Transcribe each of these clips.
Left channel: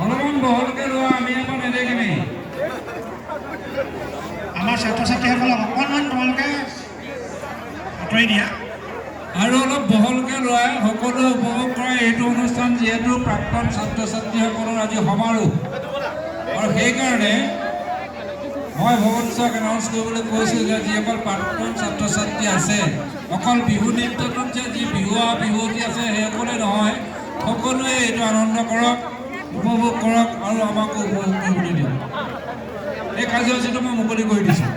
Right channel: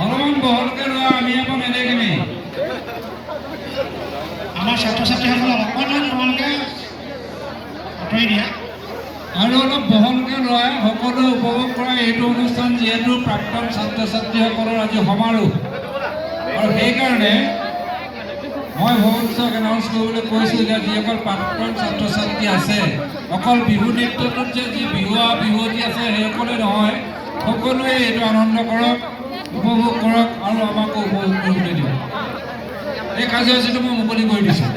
অলপমান বহলকৈ লোৱা আমি আকৌ নেদেখিবি আমাৰ ছাত্ৰ ছাত্ৰীসকলক অকণমান তোমালোকে আঁতৰি দিয়া আৰু অলপ বহলকৈ লোৱা সকলোৱে উপভোগ কৰা এইটো অনুষ্ঠান যিহেতু প্ৰাক্তন ছাত্ৰ ছাত্ৰীসকলৰ আজি সমাৰোহ আৰু সেইকাৰণে মই ভৱনক এনাউন্স কৰিবলৈ কৈছোঁ যে যিসকল প্ৰাক্তন ছাত্ৰ ছাত্ৰী আছে অকল বিহু নৃত্যটোত যে যি বিহুৱতী আছে সেইসকলে নহয় সকলোৱে এইটো আনন্দ কৰক উপভোগ কৰক আৰু আমাকো উপভোগ কৰিবলৈ দিয়ক এই কাৰ্যসূচীটো মই মুকলি কৰি দিছোঁ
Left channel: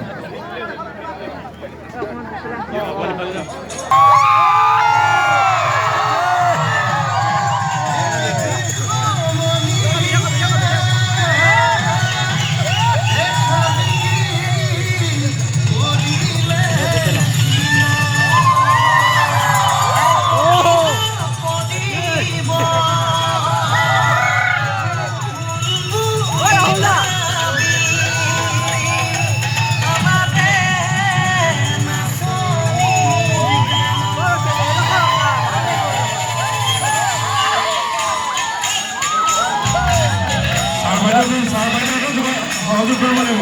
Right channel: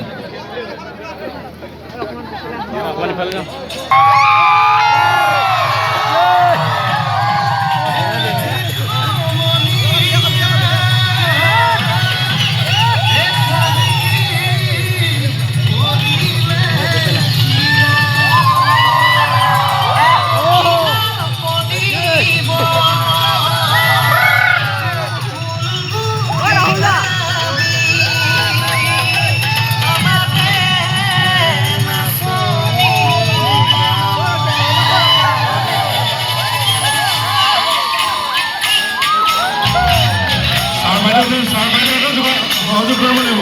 সহযোগ কৰিব লাগিব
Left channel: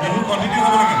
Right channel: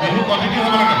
বিহু কণ্টিনিউ হ'ব লাগে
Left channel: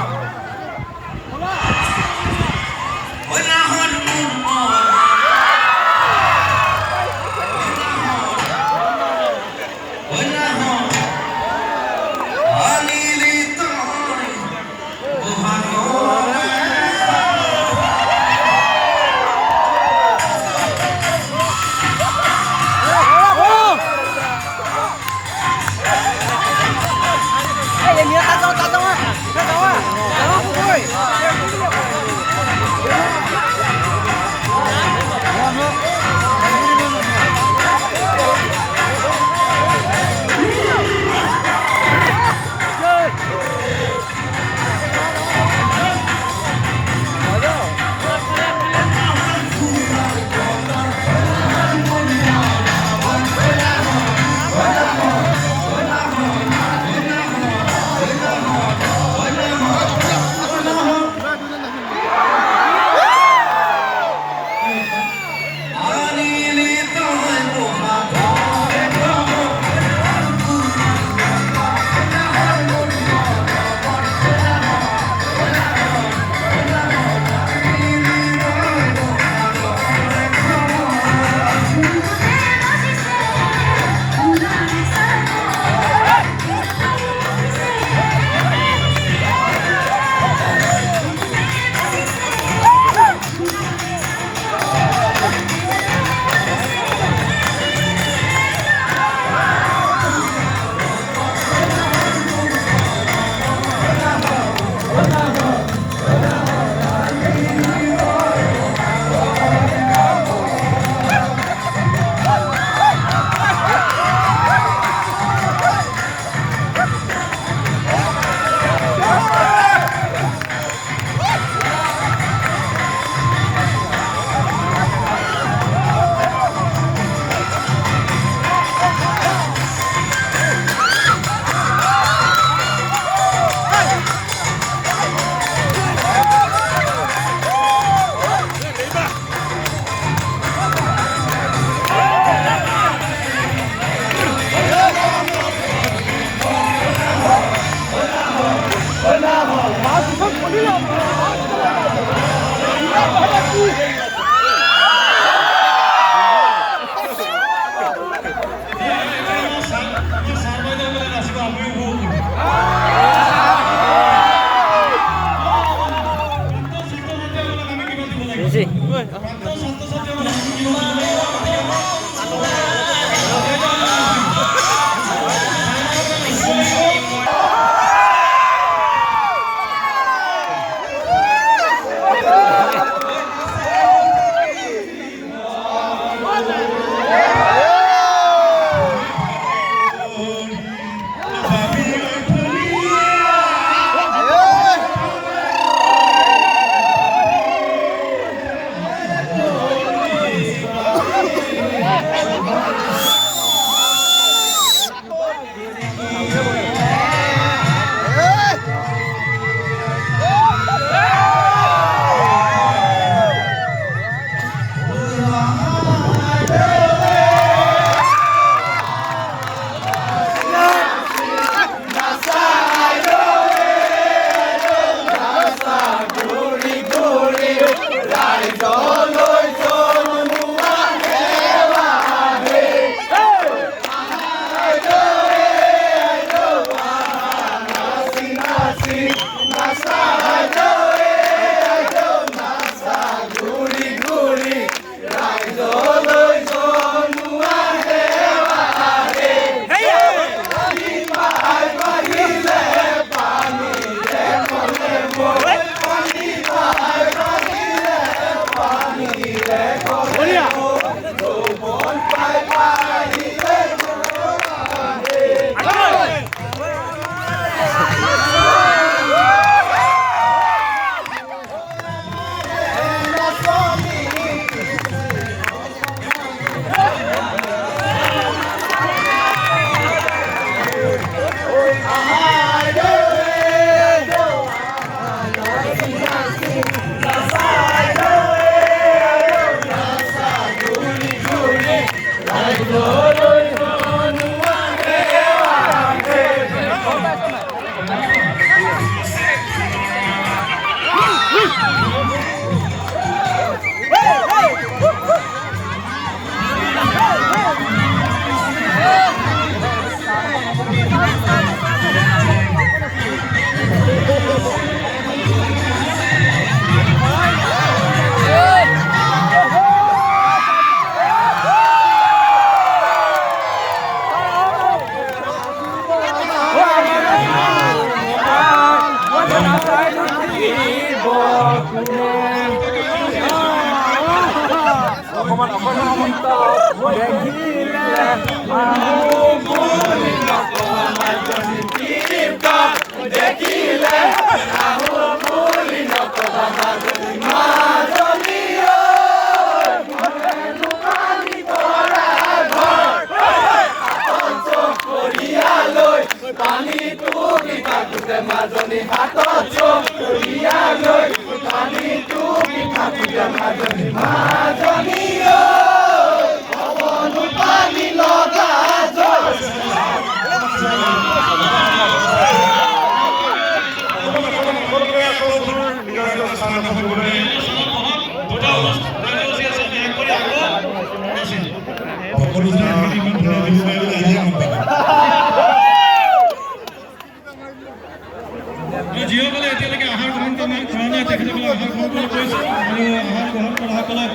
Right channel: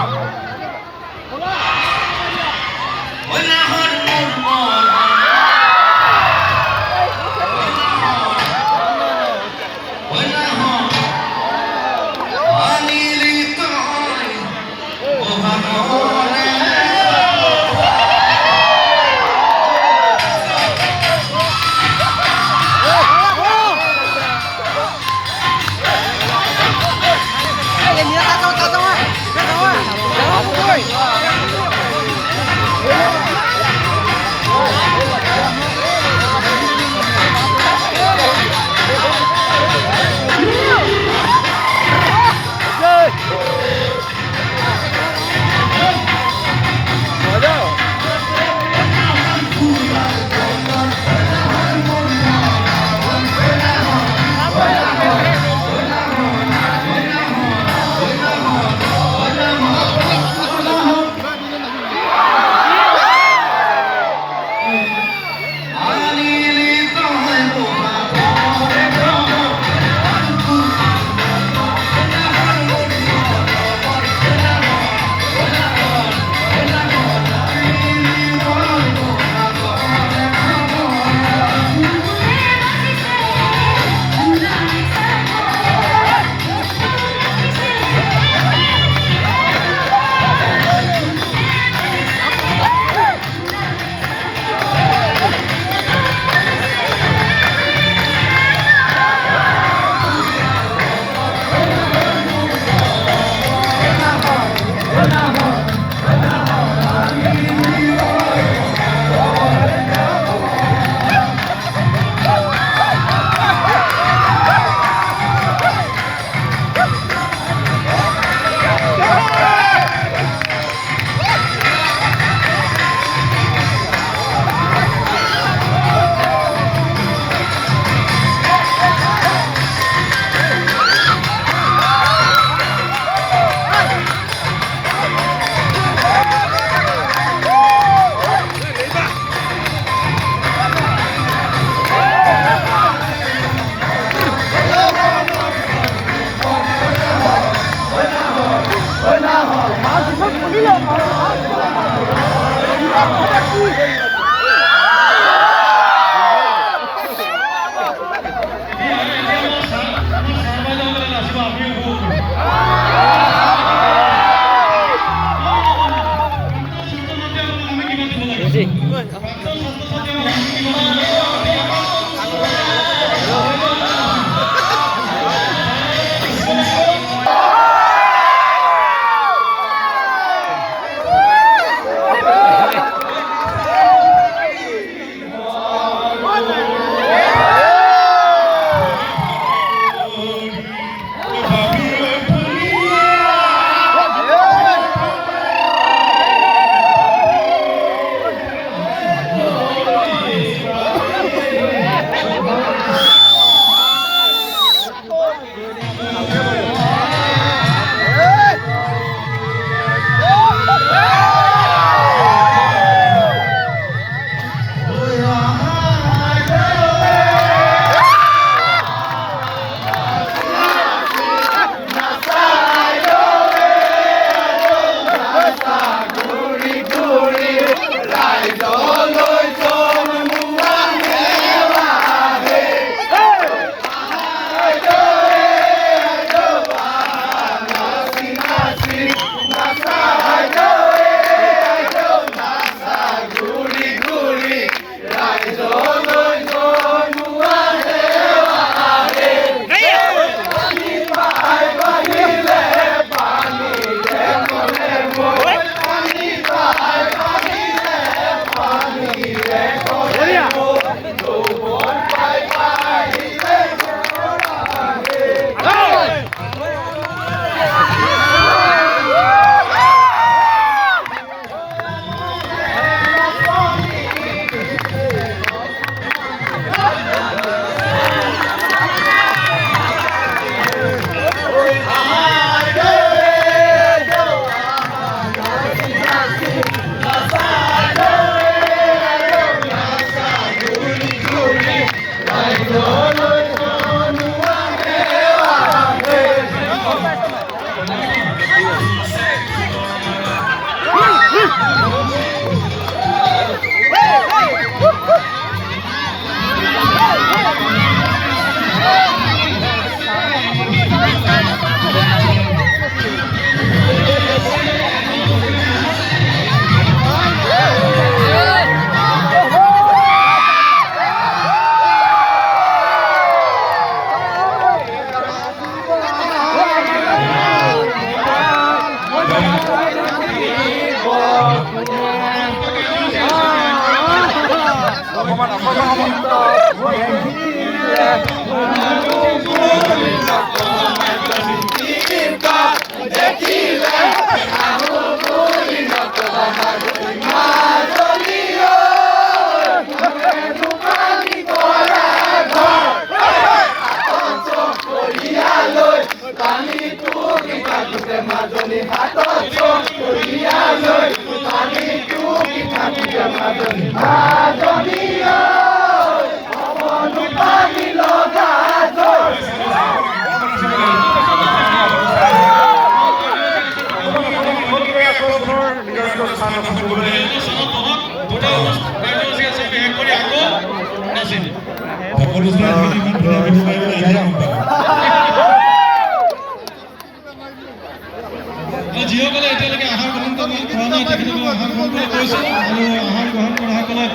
যিসকলে এতিয়ালৈকে আহাৰ গ্ৰহণ কৰা নাই তেখেতসকলে আহাৰ গ্ৰহণ কৰা কৰিছে আৰু আহাৰ গ্ৰহণ কৰাসকলক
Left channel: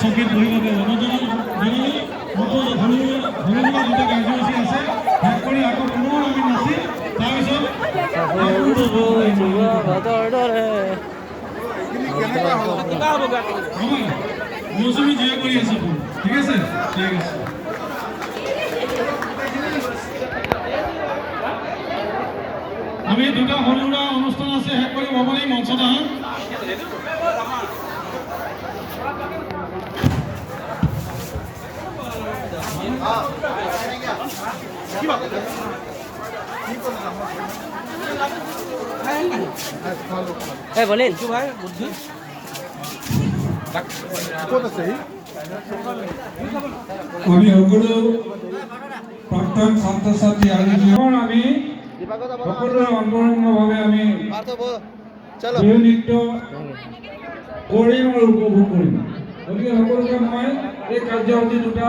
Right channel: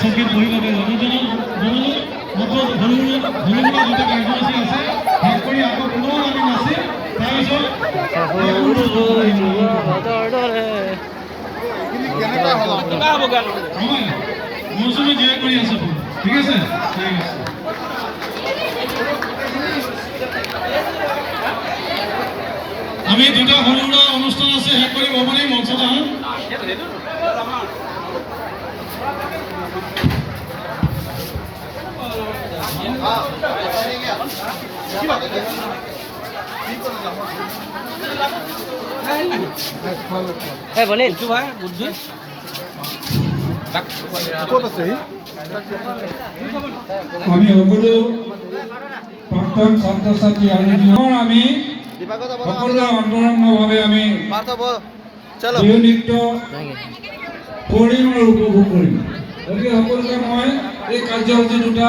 চকীত বহি ল'ব দুটা কাৰ্যসূচী আছে শেষ কৰি আকৌ পুনৰ আমি নাচিম মৌচুমী জয় কৰি আছে ঠিক আছে ঠিক আছে আমি দুটা সৰু সুৰা অনুষ্ঠান আছে শেষ কৰিব মানে মঞ্চত আহোঁ বলে আমি সকলো প্ৰাক্তন ছাত্ৰ ছাত্ৰী আৰু আমি সকলো অন্তৰংগভাৱে আমি বিহু নৃত্য কৰিম আৰু উপভোগ কৰিম। গতিকে সকলোকে মই এই কাৰ্যসূচী দুটা